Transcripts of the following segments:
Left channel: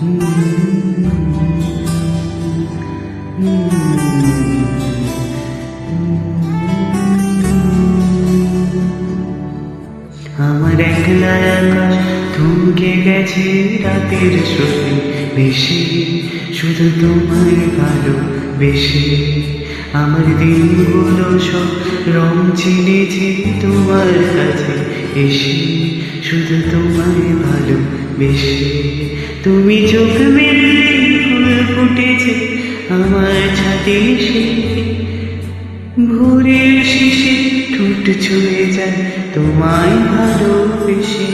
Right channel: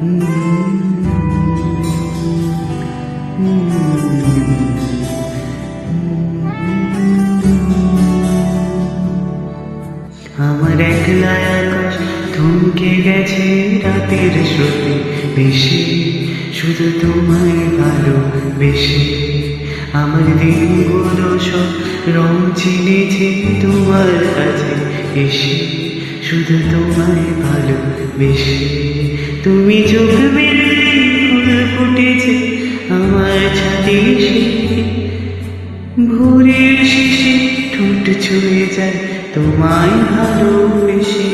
আমার একলা আকাশ থমকে গেছে রাতের স্রোতে বেশি, শুধু তোমায় ভালোবেসে। আমার দিনগুলো সব রং চিনেছে তোমার কাছে এসে, শুধু তোমায় ভালোবেসে। তুমি চোখ মেললে ফুল ফুটেছে আমার ছাদে এসে, ভোরের শেষে ঠোঁট ছুঁয়ে যায় তোমায় ভালোবেসে।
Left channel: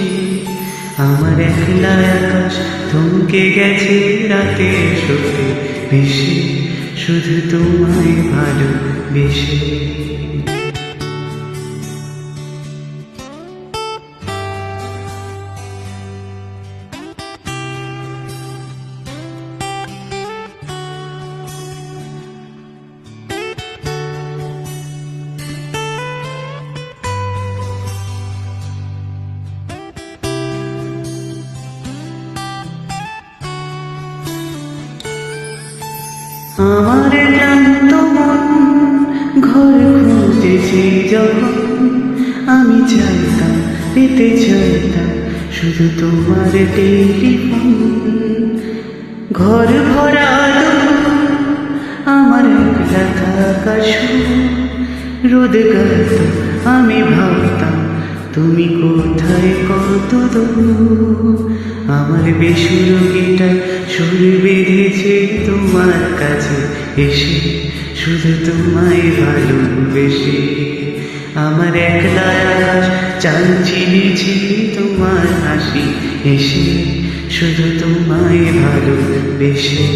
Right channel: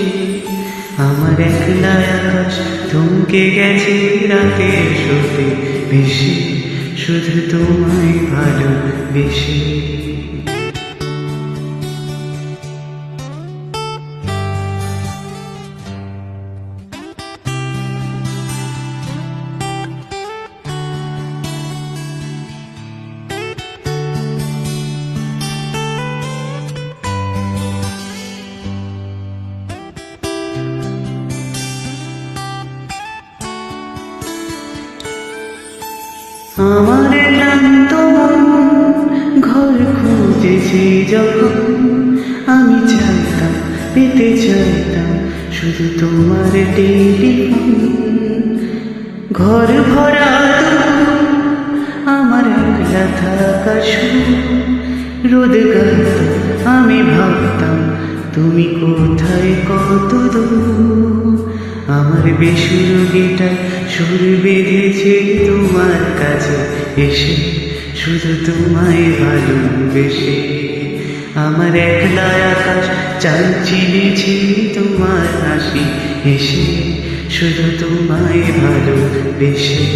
আমার একলা আকাশ থমকে গেছে রাতের স্রোতে ভেসে, শুধু তোমায় ভালোবেসে। আমার ক্লান্ত মন ঘর খুঁজেছে যখন, আমি চাইতাম পেতে চাইতাম শুধু তোমার টেলিফোন। ঘর ভরা দুপুর আমার একলা থাকা সুর, রোদ গাইত আমি ভাবতাম তুমি কোথায় কত দূর। আমার বেসুর গিটার সুর বেঁধেছে তোমার কাছে এসে, শুধু তোমায় ভালোবেসে। আমার একলা আকাশ চাল চিনেছে তোমার হাসি এসে, শুধু তোমায় ভালোবেসে।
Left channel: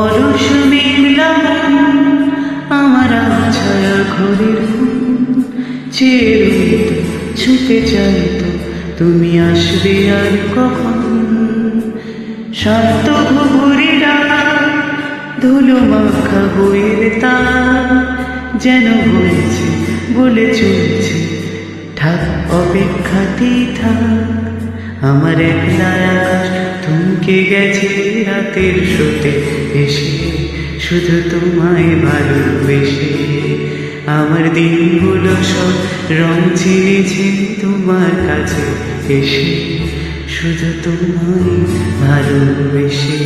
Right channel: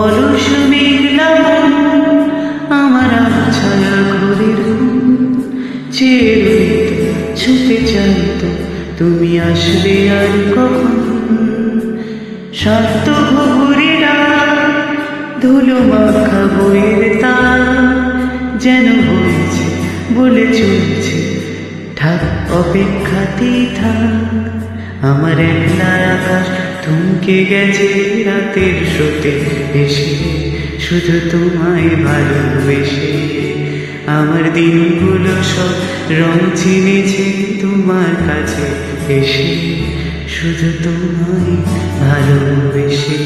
অলস মেঘলা মন আমার ছায়া ঘরের ঘুম, চেয়ে রইত ছুটে চাইত তুমি আসবে আর কখন। শান্ত ঘুঘুরেরা ধুলো মাখা বইয়ের তার যেন বইছে বলে চলছে থাক অপেক্ষাতেই থাক। আমার একলা আকাশ থমকে গেছে রাতের স্রোতে এসে, শুধু তোমায় ভালোবেসে। আমার দিনগুলো সব রং চিনেছে তোমার কাছে এসে, শুধু তোমায় ভালোবেসে।